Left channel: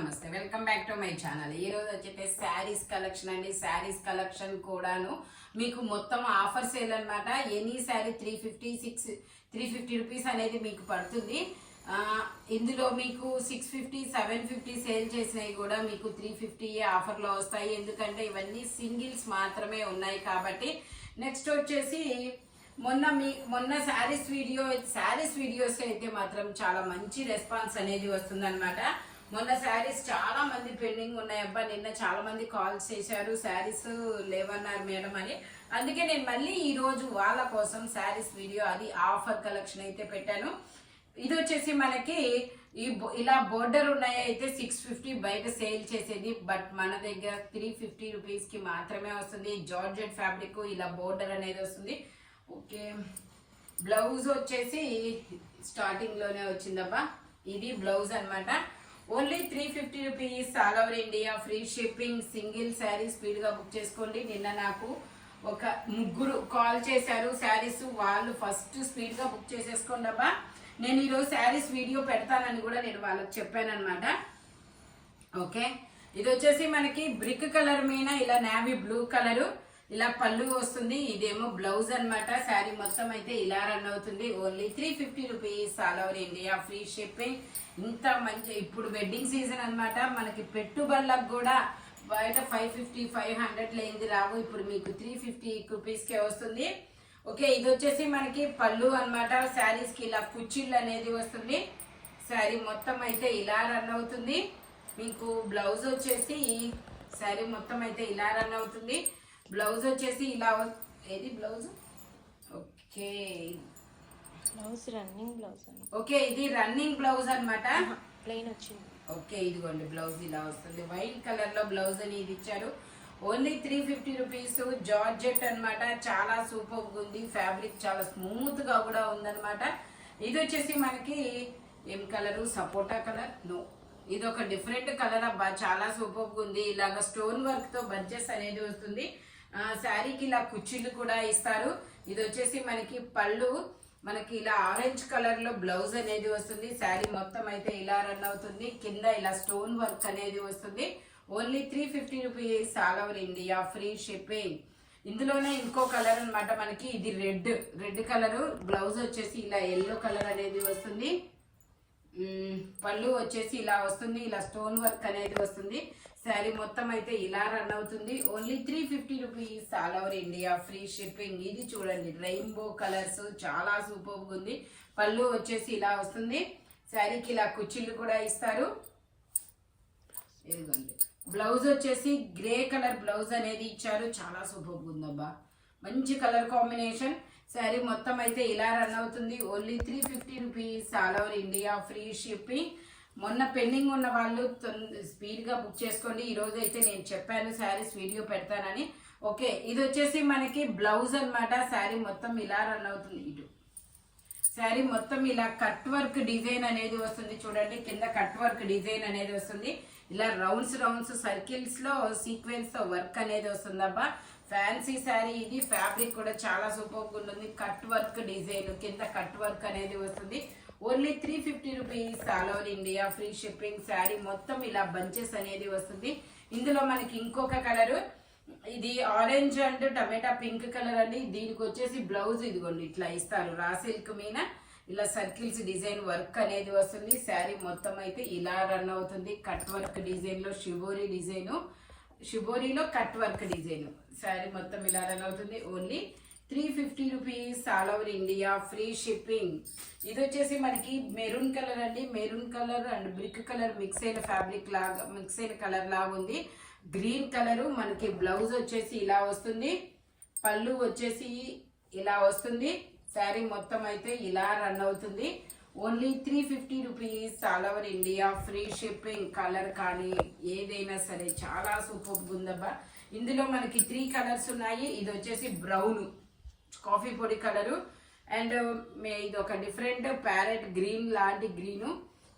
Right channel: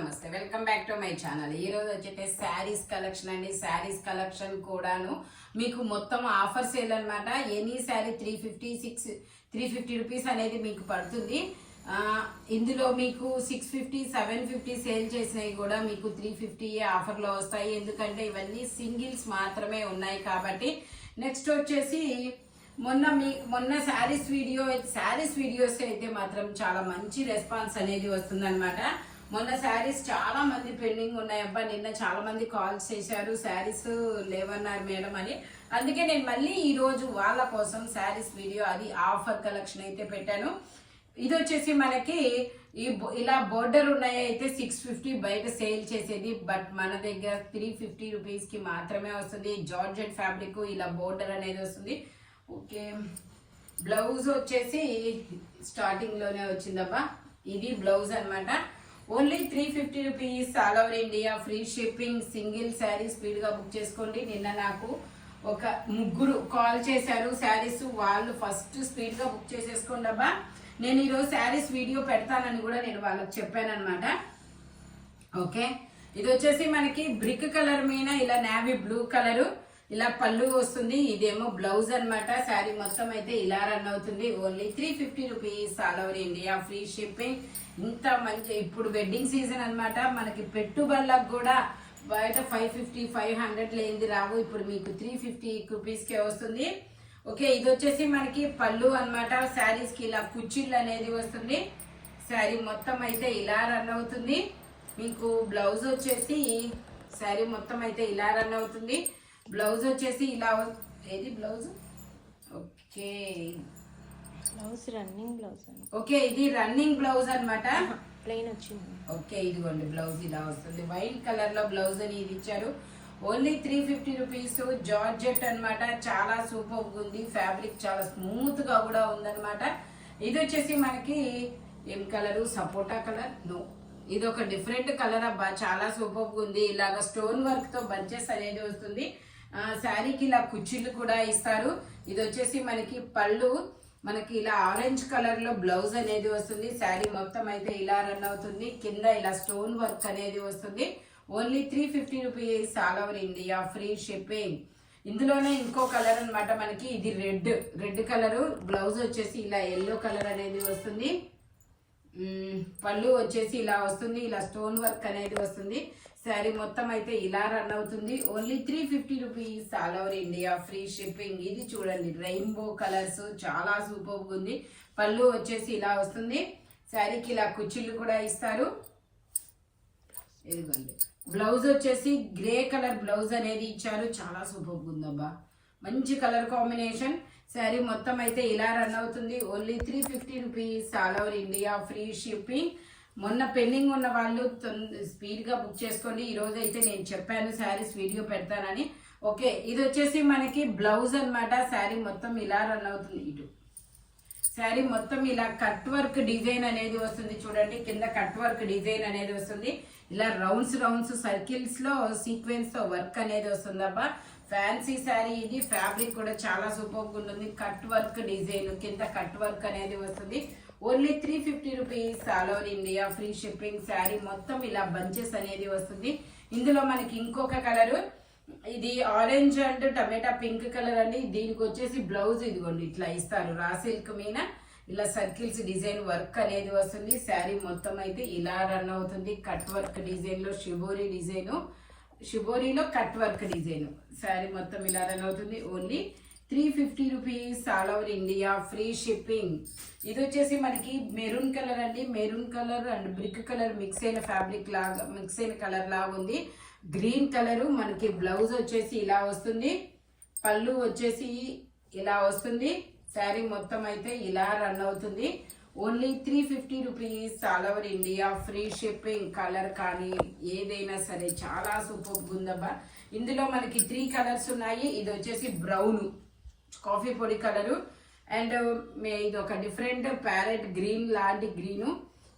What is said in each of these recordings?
నమస్తే welcome back to my channel. ఈ రోజు వచ్చేసి శారీస్ కలెక్షన్ అండి. శారీస్ కలెక్షన్ కూడాను మీకు మొత్తం ఆఫర్ సేల్ అన్నమాట. ఎనీ శారీ 350 రూపీస్ అనేది మీకు పడుతుంది. ఇందులో మీకు 650 750 సేల్ చేసినవి కూడా మీకు 350 ఆఫర్ లో వస్తాయి. ఎందుకంటే ఇవన్నీ సింగిల్స్ మాత్రమే ఉన్నాయి కాబట్టి. నెక్స్ట్ వచ్చేసి మొన్న శారీస్ వీడియోస్ అయితే మాత్రం చాలా మంచి రెస్పాన్స్ అనేది వస్తుంది అనమాట. మొన్న శారీస్ చాలా మంది పెండింగ్ ఉన్నాయబ్బా. నిన్న చాలా మంది కాల్స్ చేశారు, శారీస్ లేవన్నారు మేడం అని. అందుకే నేను మళ్ళీ ఈ రోజు వాళ్ళ కోసం శారీస్ వీడియో అది ఆఫర్ కలెక్షన్ అయితే పెట్టాను. ఇది వచ్చేసి మనకి ఇలా బోర్డర్ ఉన్నాయి అయితే 650 బయట సేల్ చేసేది, బట్ మన దగ్గర 350 రూపీస్ కి మాత్రమే వస్తుంది. జార్జెట్ ఫ్యాబ్రిక్ ఇలా బోర్డర్ అనేది వస్తుంది. ఓకే, బ్లౌజ్ వచ్చేసి స్టార్టింగ్ లోనే వచ్చిందబ్బా. ఇది బ్లౌజ్ అన్నమాట. Only 350 rupees, all over India, free shipping. Single sari speed గా బుక్ చేసుకోండి. నిన్న నాకు ఒక ముగ్గురు కాల్ చేశారు శారీస్, వాళ్ళు ఫస్ట్ స్పీడ్ గా బుక్ చేసేసుకోండి అబ్బా. నేను ఈరోజు శారీస్ వీడియో పెడతానని కూడా నేను వాళ్ళకి చెప్పాను అనమాట. ఓకే, ఇది వచ్చేసి మనకి బ్రిక్ కలర్ మీద ఇలా నేవీ బ్లూ కలరు ఇలా పళ్ళు వస్తుంది. ఇదేమో బ్లౌజ్ అన్నమాట. శారీ మొత్తం అయితే ఇలా రన్ అవుతుంది. Only 350 rupees, all over India, free shipping. ఇంత మంచి ఇప్పుడు వెడ్డింగ్ సీజన్ అన్నమాట. మనకి పెట్టుబడులకు కూడా బయట 550 500 లేనిది రావు. ఇప్పుడు మీకు 350 రూపీస్ కే వస్తుంది. ఓకే, ఇది వచ్చేసి మనకి పళ్ళు అన్నమాట. శారీస్ కి ఇలా కుచ్చిళ్ళు అనేది వస్తుంది. శారీ మొత్తం అయితే ఇలా రన్ అవుతుంది. మీకు బ్లౌజ్ వచ్చేసి శారీ మొత్తం అయితే ఇలా రన్ అవుతుంది. బ్లౌజ్ వచ్చేసి ఇలా ఏది blouse. Okay, blouse running blouse. Okay, ఇది రన్నింగ్ బ్లౌజ్ అన్నమాట. ప్లెయిన్ వచ్చింది. ఓకే, ఇదిగోండి బ్లౌజ్ ఇలా వస్తుంది. వైట్ కలర్ లో బ్లౌజ్ అనేది ఇచ్చారు. Only 350 rupees. జార్జెట్ అన్నమాట. చాలా సూపర్ ఉంది. ఫ్యాబ్రిక్ చాలా స్మూత్ గా కూడా ఉందన్నమాట. ఇది వచ్చేసి మనకి ఏం కలర్, సపోటా కలర్. నో, ఇది ఒక డిఫరెంట్ కలర్ అబ్బా. చాలా సూపర్ ఉంది. ఇలాగ స్టోన్ వర్క్ తో బంచెస్ అనేది వస్తుంది. శారీకి ఇలా కుచ్చిళ్ళు కూడా ఇస్తారు. ఇది వచ్చేసి మనకి పళ్ళు, మనకి ఇలా ఆరెంజ్ కలర్ లో బ్లౌజ్ అనేది వస్తుంది. శారీ మొత్తం అయితే ఇలా రన్ అవుతుంది. కింద ఇలా స్టోన్ వర్క్ అనేది వస్తుంది. Only 350 rupees, all over India, free shipping. ఇందులోనే ఇంకో కలర్ అన్నమాట మనకి. ఇది రెడ్ కలర్. బ్లౌజ్ వచ్చేసి ఇలా ఎల్లో కలర్ అనేది వస్తుంది. పళ్ళు వచ్చేసి ఇలా వస్తుంది. ఇలా స్టోన్ వర్క్ అనేది వస్తుంది. శారీ మొత్తం అయితే ఇలా రన్ అవుతుంది. Only 350 rupees, all over India, free shipping. ఇది చూడండి రెయిన్బో కలర్స్, చాలా సూపర్ ఉంది. పళ్ళు వచ్చేసి ఇలా వస్తుంది. శారీకి ఇలా కుచ్చిళ్ళు కూడా ఇస్తారు. ఇదిగోండి బ్లౌజ్ వచ్చేసి గ్రే కలర్ బ్లౌజ్ అనేది ఇచ్చారు. చాలా సూపర్ ఉందబ్బా. మంచి కలర్ కాంబినేషన్. శారీ మొత్తం అయితే ఇలా రన్ అవుతుంది. Only 350 rupees, all over India, free shipping. మొన్న పెండింగ్ ఉన్న వాళ్ళు స్పీడ్ గా బుక్ చేసుకోండి. ఈ రోజు అయితే నేను చెప్పాను శారీస్ వీడియో పెడతానని. ఓకే, ఇది వచ్చేసి మనకి బ్లౌజ్ అన్నమాట. శారీ మొత్తం ఇలా రన్ అవుతుంది. ఇటు శారీ మొత్తం ఇలా కట్ వర్క్ డిజైన్ అనేది వస్తుంది. చూడండి, కింద కట్ వర్క్ డిజైన్ అనేది వస్తుంది. ఇలా రౌండ్స్ సర్కిల్స్ లో సీక్వెన్స్ తో వర్క్ అనేది వస్తుంది అబ్బా. ఫ్యాన్సీ శారీ ఇది. ఫ్యాబ్రిక్ కూడా చాలా సూపర్ ఉంటుంది. కట్ వర్క్ డిజైన్, కింద కట్ వర్క్ అనేది వస్తుంది. Only 350 rupees, all over India, free shipping. Sari మొత్తం ఇలా బంచెస్ అనేది వస్తుంది. ఇందులో మనకి ఇంకొక కలర్, ఇది orange and tomato pink colour అండి. దీనికి వచ్చేసి బ్లౌజ్ ఇదిగోండి ఇట్లా ఇస్తారు. రా సిల్క్ మీద ఇలా సర్కిల్స్ డిజైన్ వర్క్ అనేది వస్తుంది. శారీ మొత్తం అయితే ఇలా రన్ అవుతుంది. కట్ వర్క్ డిజైన్ లో షిబోరి డిజైన్, షిబోరిలో కట్ వర్క్ డిజైన్. శారీ మొత్తం ఇలా రన్ అవుతుంది. Only 350 rupees, all over India, free shipping. ఇది వచ్చేసి మనకి మెరూన్ కలర్ అండి. Maroon colour and brick colour mix అయిన ఫ్యాబ్రిక్ లాగా, మిక్స్ అయిన కలర్ లాగా ఉంది. Green colour. మనకి బ్లౌజ్ వచ్చేసి ఇలా వస్తుంది. పళ్ళు వచ్చేసి ఇలా వస్తుంది. శారీ మొత్తం అయితే ఇలా రన్ అవుతుంది. Only 350 rupees, all over India, free shipping. Colour కానీ ఏదైనా సరే చాలా సూపర్ ఉందబ్బా. ఇందులో మనకి 3 కలర్స్ ఉన్నాయి. ఇది వచ్చేసి బ్రౌన్, కాఫీ పొడి కలరు, అండ్ ఇది ఒక డిఫరెంట్ ప్యారెట్ గ్రీన్ లాంటి గ్రీను.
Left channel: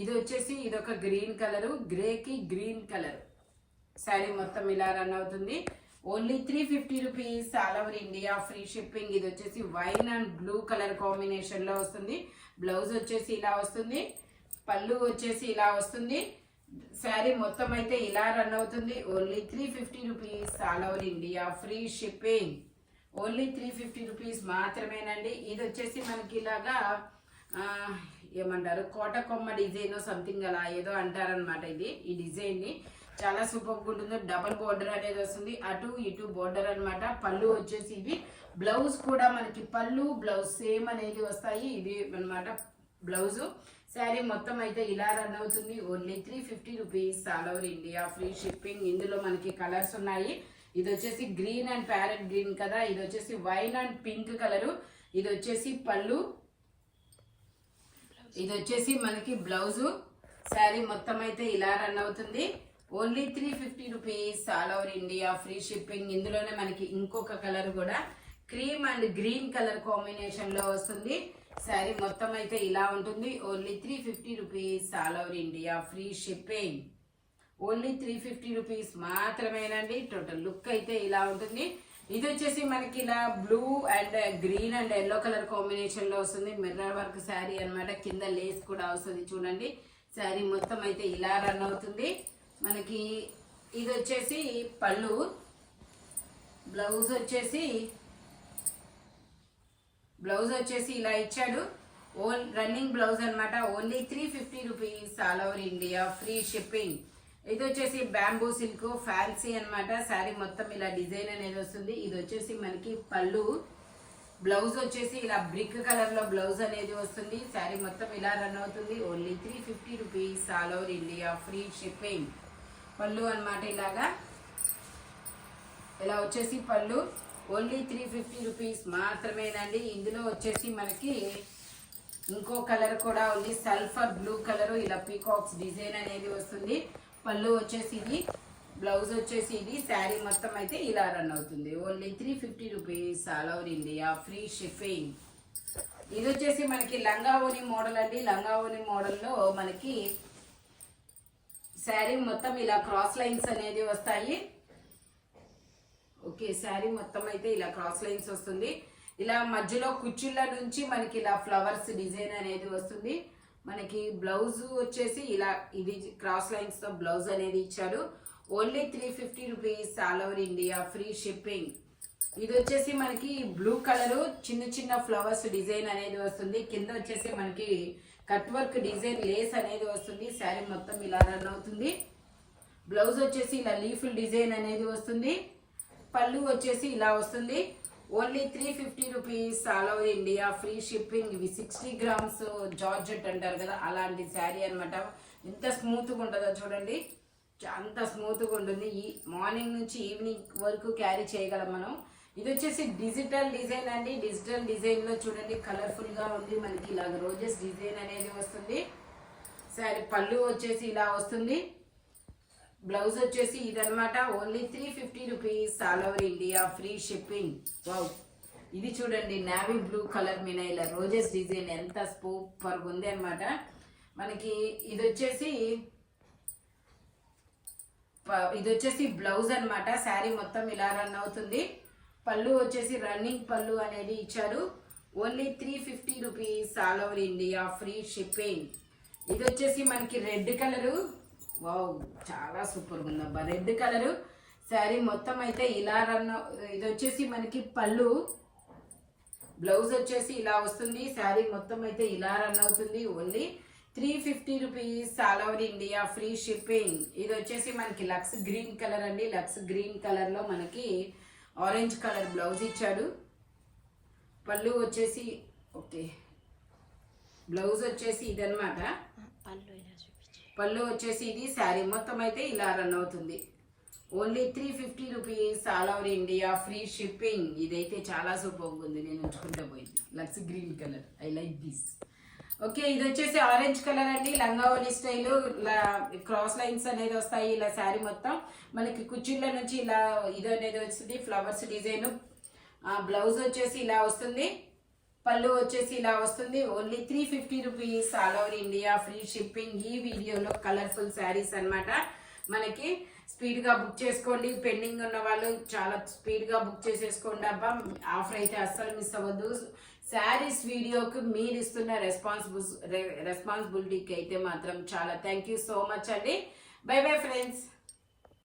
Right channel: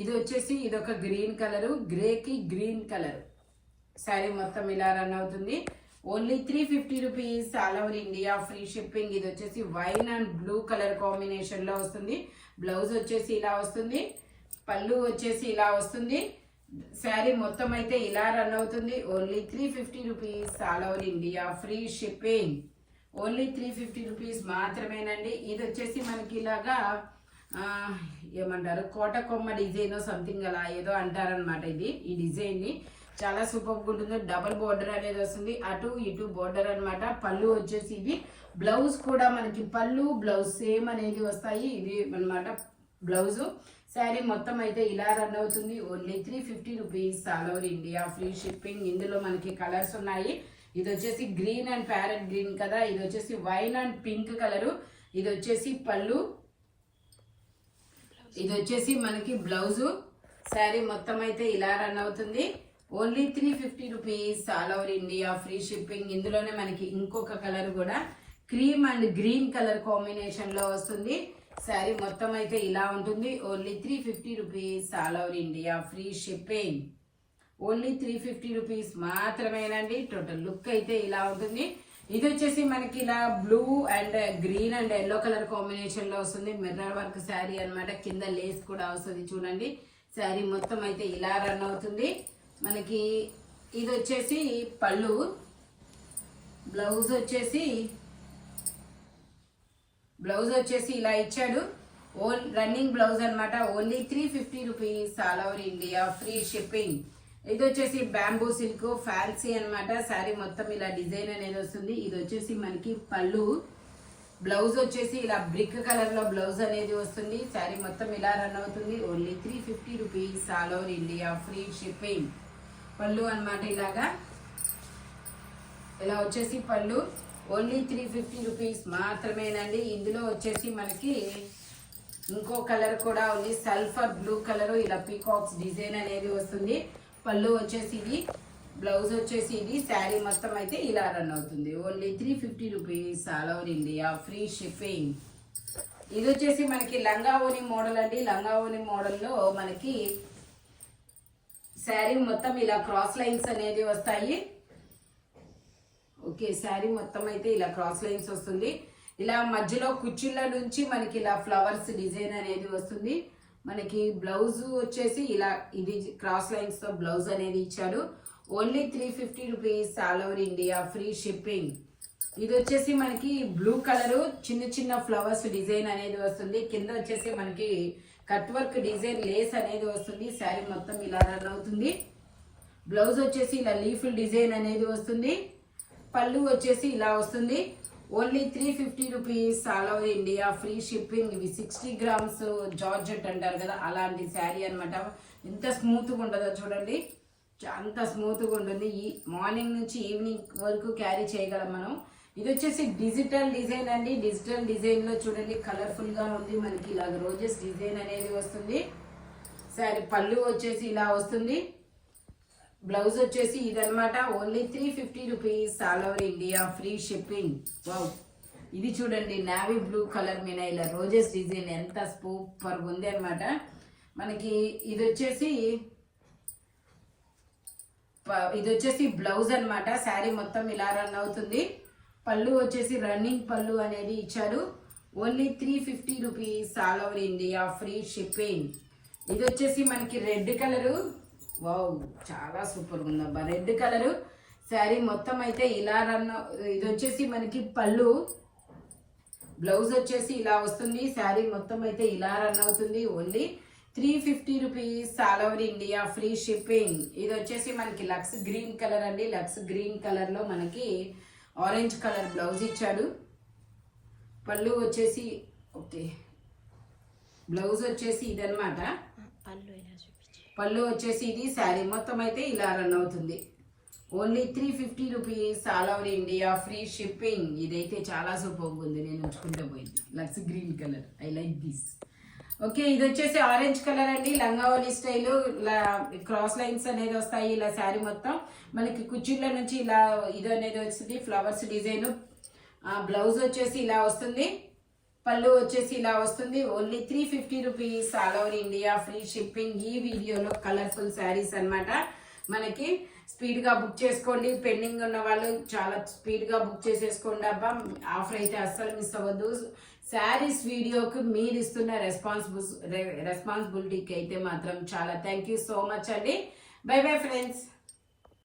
ఇది వచ్చేసి ఇదొక గ్రీన్ కలరు, గ్రేకి గ్రీన్ కలర్. శారీ మొత్తం ఇలా రన్ అవుతుంది. Only 350 rupees, all over India, free shipping. ఇది వచ్చేసి wine and blue colour combination లో వస్తుంది. బ్లౌజ్ వచ్చేసి ఇలా వస్తుంది. పళ్ళు వచ్చేసి ఇలా వస్తుంది. శారీ శారీ మొత్తం అయితే ఇలా రన్ అవుతుంది. Only 350 rupees all over India, free shipping. Only 350 rupees మాత్రమేనండి. ఇది వచ్చేసి మనకి ఇలాగా ఏమంటారు, కోట కొమ్మ డిజైన్ సంథింగ్ అలా ఏదో అంటారనమాట. ఈ డిజైన్ ని చాలా సూపర్ ఉంటుంది. డబల్ బోర్డర్ అనేది వస్తుంది, అటు ఇటు బోర్డర్ అన్నమాట. పళ్ళు వచ్చేసి ఇది, బ్లౌజ్ కూడా మనకి పళ్ళు బ్లౌజ్ సేమ్ అనేది వస్తాయి. ఇది అన్నమాట బ్లౌజ్. శారీ మొత్తం అయితే ఇలా రన్ అవుతుంది. Only 350 rupees all over India, free shipping. ఇందులో మనకి కలర్స్ ఉన్నాయి. ఇది వచ్చేసి గ్రీన్ అండ్ ప్యారెట్ గ్రీన్ కదా, ఇది వచ్చేసి వైన్ అండ్ పింక్ కలరు. ఇది వచ్చేసి పళ్ళు, ఇది వచ్చేసి మనకి బ్లౌజు. శారీ మొత్తం అయితే ఇలా రన్ అవుతుంది. Only 350 rupees all over India, free shipping. ఇందులోనే మనకి ఇంకొక కలర్ కూడా cream and green colour combination లో వస్తుంది. శారీ మొత్తం అయితే ఇలా ఉంటుంది. Only 350 rupees all over India, free shipping. Only 350 rupees మాత్రమేనండి. టోటల్ లుక్ అయితే ఇలా ఉంటుంది. ఇది వచ్చేసి మనకి ఇలా blue and green and yellow colour combination లో వస్తుంది. మిర్రర్ వర్క్ శారీ అన్నమాట. కింద లేస్ కూడా వస్తుంది చూడండి. శారీ మొత్తం అయితే ఇలా రన్ అవుతుంది. మనకి ఇది వచ్చేసి పళ్ళు, బ్లౌజ్ వచ్చేసి ఇలా ఇచ్చాడు. రన్నింగ్ బ్లౌజ్ అన్నమాట. Only 350 rupees all over India, free shipping. ఇది వచ్చేసి బ్యాంబూ సిల్క్ ఫ్యాన్సీ అన్నమాట. శారీ మొత్తం ఇలా డిజైన్ అనేది వస్తుంది. ఇది వచ్చేసి మనకి పళ్ళు, బ్లౌజ్ వచ్చేసి ఇలా బ్రిక్ కలర్ లో బ్లౌజ్ అనేది వస్తుంది. శారీ మొత్తం ఇలా రన్ అవుతుంది. Only 350 rupees all over India, free shipping. పళ్ళు అన్నమాట. ఇలా వచ్చేసి పళ్ళు. ఓన్లీ 350 రూపీస్ మాత్రమేనండి. ఇందులో వచ్చేసి మనకి ఇంకో కలర్ కూడా ఉంది, సల్ఫర్ బ్లూ కలర్. ఇలా పీకాక్స్ డిజైన్ అనేది వస్తుంది. పళ్ళు వచ్చేసి ఇది, బ్లౌజ్ వచ్చేసి ఇది. శారీ మొత్తం అయితే ఇలా రన్ అవుతుంది. Only 350 rupees all over India, free shipping. ఇది వచ్చేసి మనకి లంగా ఓని మోడల్ అండి. లంగా ఓని మోడల్లో మనకి శారీ మొత్తం ఇలా క్రాస్ లైన్స్ అనేది వస్తాయి. ఓకే, శారీ మొత్తం అయితే ఇలా క్రాస్ లైన్స్ వస్తుంది. ఇలా మధ్యలో కుచ్చుళ్ళ నుంచి మనకి ఇలా ఫ్లవర్స్ డిజైన్ అనేది వస్తుంది. మనకి బ్లౌజ్ వచ్చేసి ఇలా ఇది క్రాస్ లైన్స్ తో బ్లౌజ్ అనేది ఇచ్చాడు. Only 350 rupees all over India, free shipping. ఇది వచ్చేసి మనకి బ్లూ కలర్ చిన్న చిన్న ఫ్లవర్స్ డిజైన్ అనేది వస్తుంది. కింద వచ్చేసి మనకి కట్ వర్క్ డిజైన్ లేస్ అనేది వస్తుంది. శారీ మొత్తం ఇలా రన్ అవుతుంది. బ్లౌజ్ వచ్చేసి ఇలా లీఫ్ డిజైన్ అనేది వస్తుంది. పళ్ళు వచ్చేసి ఇలా వస్తుంది. Only 350 rupees all over India, free shipping. ఇవి 60 గ్రామ్స్ జార్జెట్ అంటారు కదా, అలాంటి శారీ అనమాట. ఎంత స్మూత్ గా ఉంటుందో చూడండి, అంత స్మూత్ గా ఉంటుంది. ఈ మార్నింగ్ నుంచి ఈవినింగ్ వరకు క్యారీ చేయగలం మనం. ఇది వచ్చేసి డిజిటల్ డిజైన్ అండి. డిజిటల్ డిజైన్ లో చూడండి కలర్ఫుల్ గా ఉంది. మనకి ఇలా రోజెస్ డిజైన్ అనేది వస్తుంది. శారీ పళ్ళు వచ్చేసి ఇలా వస్తుంది. బ్లౌజ్ వచ్చేసి ఇదనమాట. Only 350 rupees all over India, free shipping. Wow, ఇది చూడండి నావీ బ్లూ కలర్ మీద ఇలా రోజెస్ డిజైన్ ఎంత సూపర్ ఉంది అనమాట. మనకి ఇది వచ్చేసి బ్లౌజ్ అన్నమాట. శారీ మొత్తం ఇలా రన్ అవుతుంది. పళ్ళు వచ్చేసి రన్నింగ్ పళ్ళు అనేది ఇచ్చారు. Only 350 rupees all over India, free shipping. ఇది వచ్చేసి మనకి రెడ్ కలరు. వావ్, చాలా సూపర్ ఉందబ్బా, రెడ్ కలరు. శారీ మొత్తం అయితే ఇలా రన్. ఇది వచ్చేసి మనకి పళ్ళు, బ్లౌజ్ వచ్చేసి ఇలా వస్తుంది. శారీ మొత్తం అయితే ఇలా రన్ అవుతుంది. Only 350 rupees all over India, free shipping. ఇది వచ్చేసి మనకి లక్స్ గ్రీన్ కలర్ అండి. లక్స్ గ్రీన్ కలర్ లో మనకి ఆరెంజ్ కలర్ బ్లౌజ్ ఇచ్చాడు. పళ్ళు వచ్చేసి ఓకే, బ్లౌజ్ వచ్చేసి ఇదన్నమాట. పళ్ళు వచ్చేసి ఇది. శారీ మొత్తం అయితే ఇలా రన్ అవుతుంది. Only 350 rupees all over India, free shipping. ఇదైతే చాలా సూపర్ ఉంది. నేను ఉంచుకుంటూ పోయింది. Lux green colour, I like this. Okay, ఇది వచ్చేసి ఆరెంజ్ కలర్ అండి. లంగావోని స్టైల్ క్రాస్ లైన్స్ అనేది వస్తాయి. ఇలా శారీ మొత్తం మనకి కుచ్చిళ్ళ నుంచి ఇలా ఇది అనేది వస్తుంది, ఫ్లవర్స్ డిజైన్. బ్లౌజ్ వచ్చేసి ఇలా వస్తుంది. పళ్ళు వచ్చేసి ఇలా వస్తుంది. Only 350 rupees all over India, free shipping. ఈ వీడియోలో కలర్ఫుల్ శారీస్ అన్నమాట. మనకి స్పీడ్ గా బుక్ చేసుకోండి. పెండింగ్ ఉన్న వాళ్ళు చాలా స్పీడ్ గా బుక్ చేసేసుకోండి అబ్బా. ఆఫర్ అయితే అస్సలు మిస్ అవ్వద్దు. శారీస్ వీడియోకు మీరు ఇస్తున్న రెస్పాన్సిబిలిటీకి అయితే మాత్రం చాలా థ్యాంక్ యూ సో మచ్ అండి. By bye friends.